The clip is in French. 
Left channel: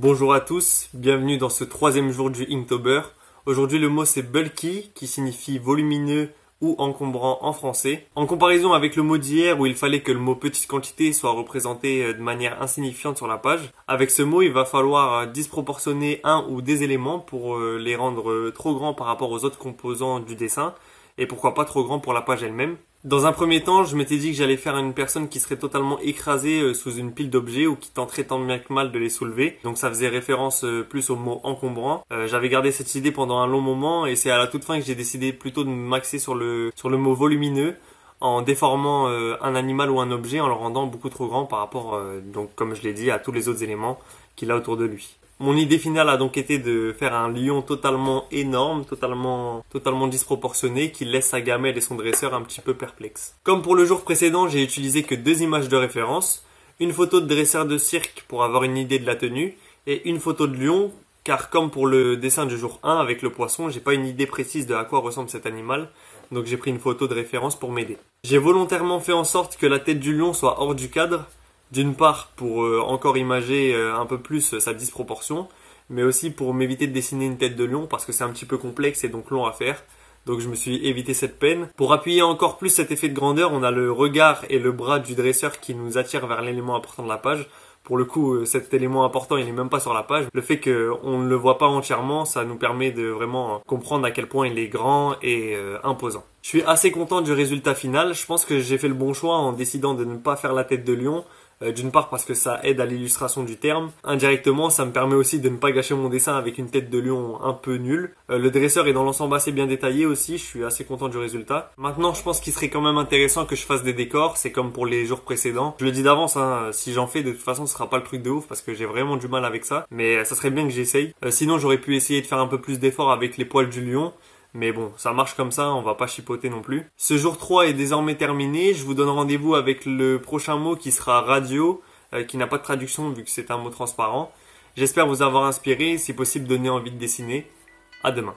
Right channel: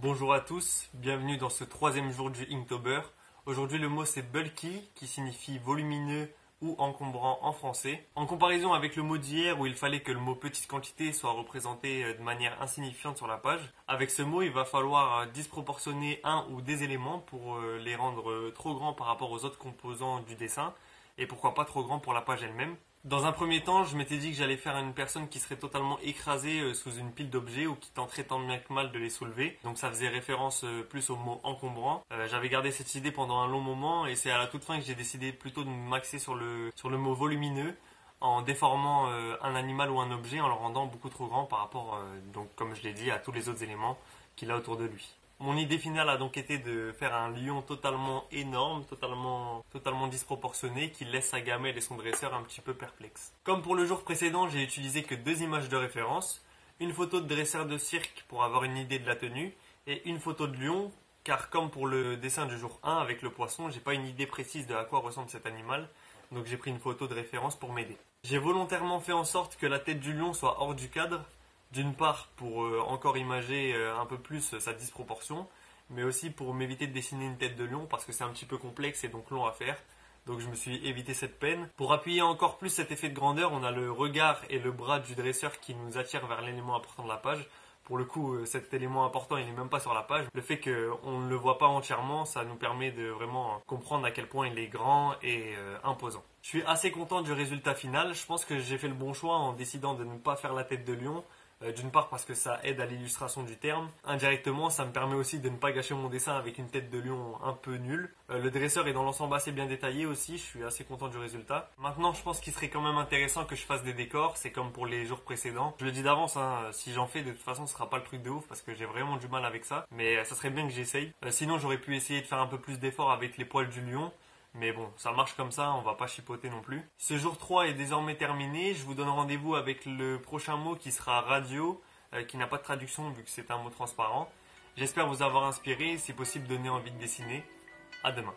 Bonjour à tous, bienvenue dans ce troisième jour du Inktober. Aujourd'hui le mot c'est bulky qui signifie volumineux ou encombrant en français. En comparaison avec le mot d'hier où il fallait que le mot petite quantité soit représenté de manière insignifiante sur la page, avec ce mot il va falloir disproportionner un ou des éléments pour les rendre trop grands par rapport aux autres composants du dessin et pourquoi pas trop grands pour la page elle-même. Dans un premier temps, je m'étais dit que j'allais faire une personne qui serait totalement écrasée sous une pile d'objets ou qui tenterait tant bien que mal de les soulever. Donc ça faisait référence plus au mot encombrant. J'avais gardé cette idée pendant un long moment et c'est à la toute fin que j'ai décidé plutôt de m'axer sur le mot volumineux en déformant un animal ou un objet en le rendant beaucoup trop grand par rapport, donc comme je l'ai dit, à tous les autres éléments qu'il a autour de lui. Mon idée finale a donc été de faire un lion totalement énorme, totalement disproportionné, qui laisse sa gamelle et son dresseur un petit peu perplexes. Comme pour le jour précédent, j'ai utilisé que deux images de référence, une photo de dresseur de cirque pour avoir une idée de la tenue, et une photo de lion, car comme pour le dessin du jour 1 avec le poisson, j'ai pas une idée précise de à quoi ressemble cet animal, donc j'ai pris une photo de référence pour m'aider. J'ai volontairement fait en sorte que la tête du lion soit hors du cadre, d'une part pour encore imager un peu plus sa disproportion, mais aussi pour m'éviter de dessiner une tête de lion parce que c'est un petit peu complexe et donc long à faire. Donc je me suis évité cette peine. Pour appuyer encore plus cet effet de grandeur, on a le regard et le bras du dresseur qui nous attirent vers l'élément important de la page. Pour le coup, cet élément important, il n'est même pas sur la page. Le fait qu'on ne le voit pas entièrement, ça nous permet de vraiment comprendre à quel point il est grand et imposant. Je suis assez content du résultat final. Je pense que j'ai fait le bon choix en décidant de ne pas faire la tête de lion. D'une part parce que ça aide à l'illustration du terme. Indirectement, ça me permet aussi de ne pas gâcher mon dessin avec une tête de lion un peu nulle. Le dresseur est dans l'ensemble assez bien détaillé aussi, je suis assez content du résultat. Maintenant, je pense qu'il serait quand même intéressant que je fasse des décors, c'est comme pour les jours précédents. Je le dis d'avance, hein, si j'en fais, de toute façon, ce sera pas le truc de ouf parce que j'ai vraiment du mal avec ça. Mais ça serait bien que j'essaye. Sinon, j'aurais pu essayer de faire un peu plus d'efforts avec les poils du lion. Mais bon, ça marche comme ça, on va pas chipoter non plus. Ce jour 3 est désormais terminé, je vous donne rendez-vous avec le prochain mot qui sera radio, qui n'a pas de traduction vu que c'est un mot transparent. J'espère vous avoir inspiré, si possible donner envie de dessiner. À demain.